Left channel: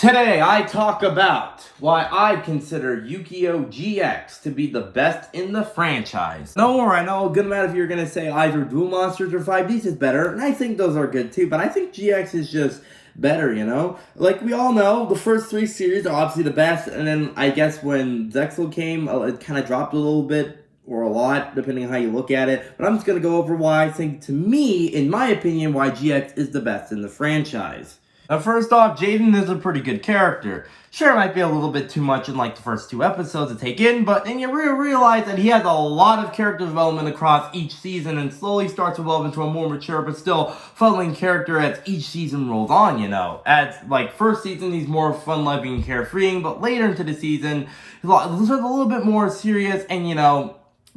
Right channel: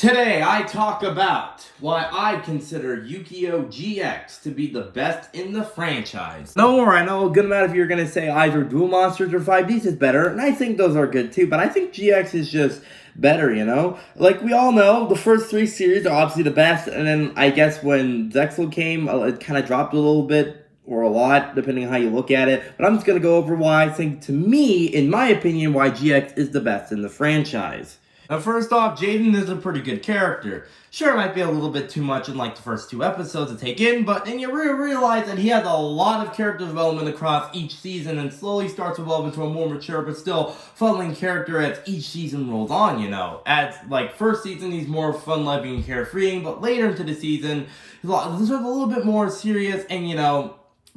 Today, I talk about why I consider Yugioh GX to be the best in the franchise. No more, I know a good amount of you are going to say either Duel Monsters or 5Ds is better, and I think those are good too, but I think GX is just better, you know? Like, we all know, the first three series are obviously the best, and then I guess when Zexal came, it kind of dropped a little bit, or a lot, depending on how you look at it. But I'm just going to go over why I think, to me, in my opinion, why GX is the best in the franchise. Now, first off, Jaden is a pretty good character. Sure, it might be a little bit too much in, like, the first two episodes to take in, but then you realize that he has a lot of character development across each season and slowly starts to evolve into a more mature but still fun-loving character as each season rolls on, you know. As, like, first season, he's more fun-loving and carefreeing, but later into the season, he's a little bit more serious and, you know,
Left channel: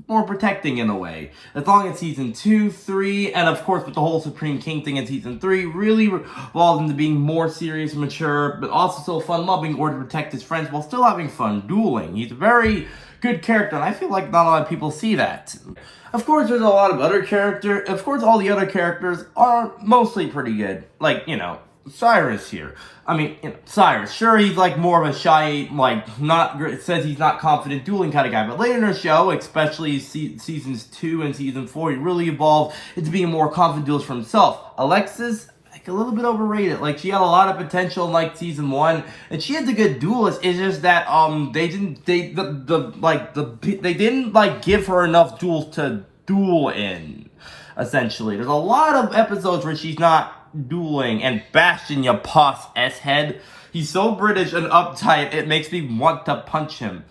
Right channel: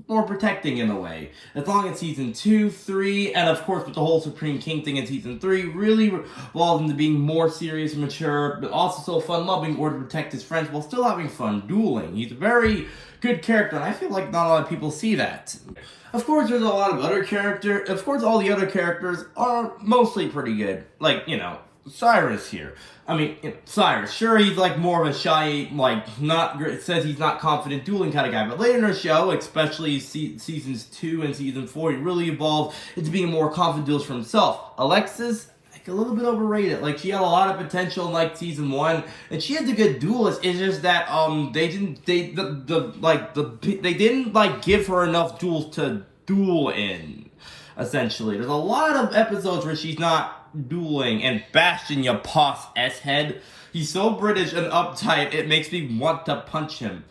more protecting in a way. As long as season 2, 3, and of course with the whole Supreme King thing in season 3 really evolved into being more serious and mature, but also so fun-loving or to protect his friends while still having fun dueling. He's a very good character, and I feel like not a lot of people see that. Of course, there's a lot of other characters. Of course, all the other characters are mostly pretty good. Like, you know, Cyrus here. I mean, you know, Cyrus, sure, he's like more of a shy, like, says he's not confident dueling kind of guy, but later in the show, especially seasons 2 and season 4, he really evolved into being a more confident duelist for himself. Alexis, like, a little bit overrated. Like, she had a lot of potential in, like, season 1, and she is a good duelist. It's just that, they didn't, like, give her enough duels to duel in, essentially. There's a lot of episodes where she's not dueling, and Bastion, you puss S-head. He's so British and uptight, it makes me want to punch him.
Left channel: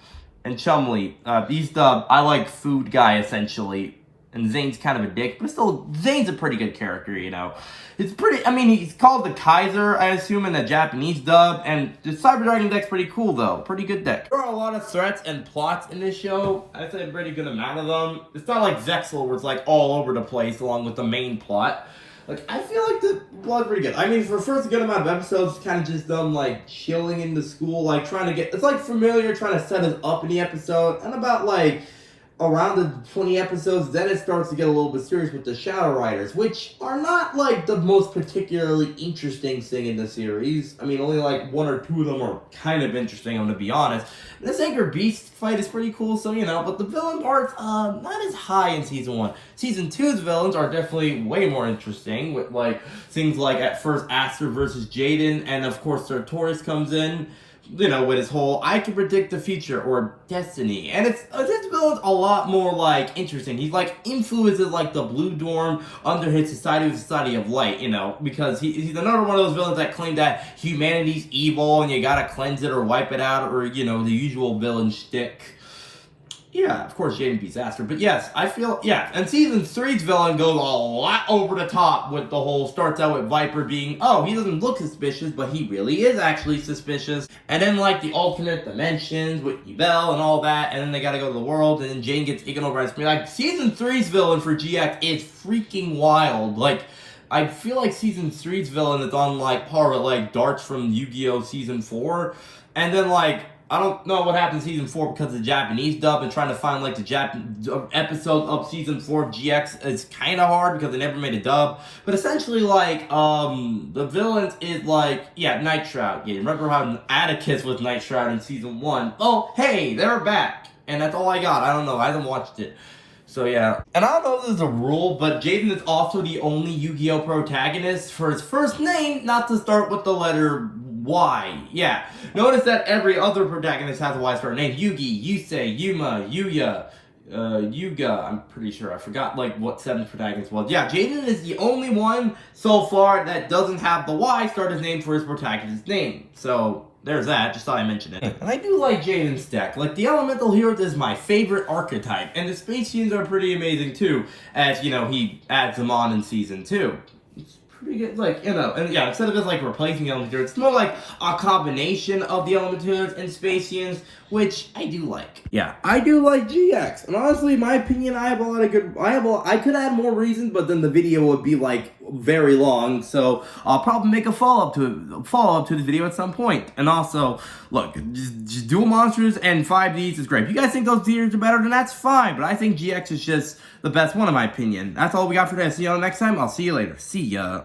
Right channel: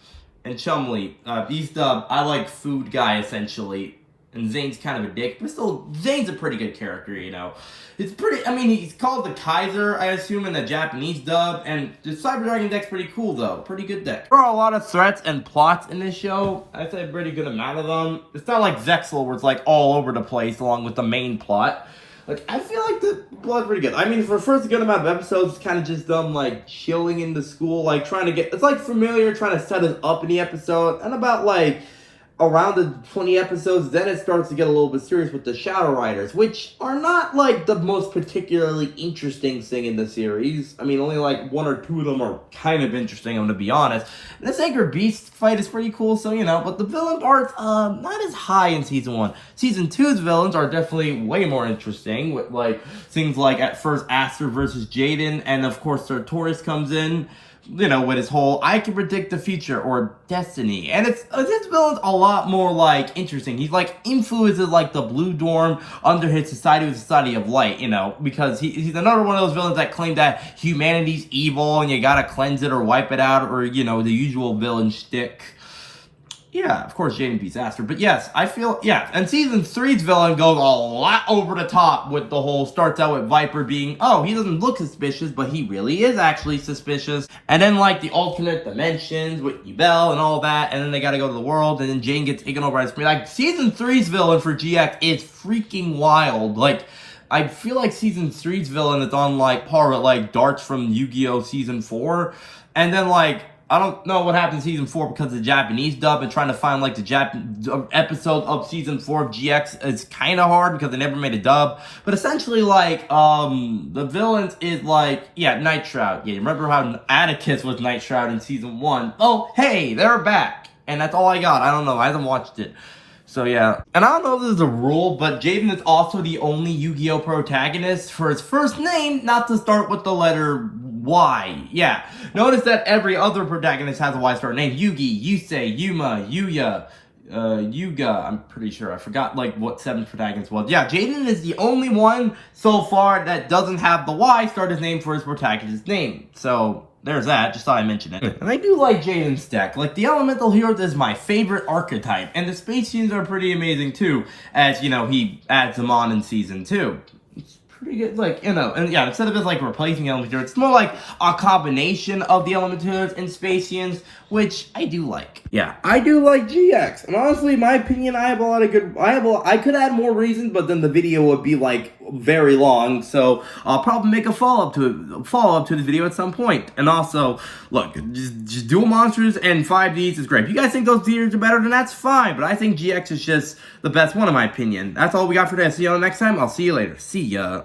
And Chumley, he's the I like food guy, essentially. And Zane's kind of a dick, but still, Zane's a pretty good character, you know. It's pretty, I mean, he's called the Kaiser, I assume, in the Japanese dub, and the Cyber Dragon deck's pretty cool, though. Pretty good deck. There are a lot of threats and plots in this show. I'd say a pretty good amount of them. It's not like Zexal, where it's, like, all over the place, along with the main plot. Like, I feel like the plot's pretty good. I mean, for the first good amount of episodes, it's kind of just them, like, chilling in the school, like, trying to get... It's, like, familiar, trying to set us up in the episode, and about, like, around the 20 episodes, then it starts to get a little bit serious with the Shadow Riders, which are not, like, the most particularly interesting thing in the series. I mean, only, like, one or two of them are kind of interesting, I'm gonna be honest. And this Anchor Beast fight is pretty cool, so, you know, but the villain part's, not as high in Season 1. Season 2's villains are definitely way more interesting, with, like, things like, at first, Aster versus Jaden, and, of course, Sartorius comes in, you know, with his whole, I can predict the future, or destiny. And this villain's a lot more, like, interesting. He's, like, influences, like, the Blue Dorm under his Society of Light, you know, because he's another one of those villains that claim that humanity's evil and you gotta cleanse it or wipe it out, or, you know, the usual villain shtick. Yeah, of course, Jaden beats Aster, but yes, I feel, yeah, and Season 3's villain goes a lot over the top with the whole, starts out with Viper being, oh, he doesn't look suspicious, but he really is actually suspicious, and then, like, the alternate dimensions with Yubel and all that, and then they gotta go to the world, and then Jane gets taken over by his, like, Season 3's villain for GX is freaking wild, like, I feel like Season 3's villain is on, like, par with, like, Darts from Yu-Gi-Oh! Season 4, and then, like, I don't know what happened in Season 4 because of the Japanese dub, and trying to find, like, the episode of Season 4 of GX is kind of hard because they never made a dub. But essentially, like, the villains is, like, yeah, Night Shroud. Yeah, you remember how Atticus was Night Shroud in Season 1? Oh, hey, they're back. And that's all I got. I don't know. I haven't watched it. So, yeah. And I don't know if this is a rule, but Jaden is also the only Yu-Gi-Oh! Protagonist for his first name not to start with the letter Y. Yeah. Notice that every other protagonist has a Y start name. Yugi, Yusei, Yuma, Yuya, Yuga. I'm pretty sure. I forgot, like, what 7th protagonist was. Yeah, Jaden is the only one so far that doesn't have the Y start his name for his protagonist's name. So, there's that. Just thought I'd mention it. And I do like Jaden's deck. Like, the Elemental Heroes is my favorite archetype. And the Space Scenes are pretty amazing, too. As, you know, he adds them on in Season 2. It's pretty good. Like, you know, and yeah, instead of just, like, replacing Elemental Heroes, it's more like a combination of the Elemental Heroes and Space Scenes, which I do like. Yeah, I do like GX. And honestly, in my opinion, I have a lot of good... I could add more reasons, but then the video would be, like, very long. So I'll probably make a follow-up to the video at some point. And also, look, just Duel Monsters and 5Ds is great. If you guys think those theaters are better, then that's fine. But I think GX is just the best one, in my opinion. That's all we got for today. See you all next time. I'll see you later. See ya.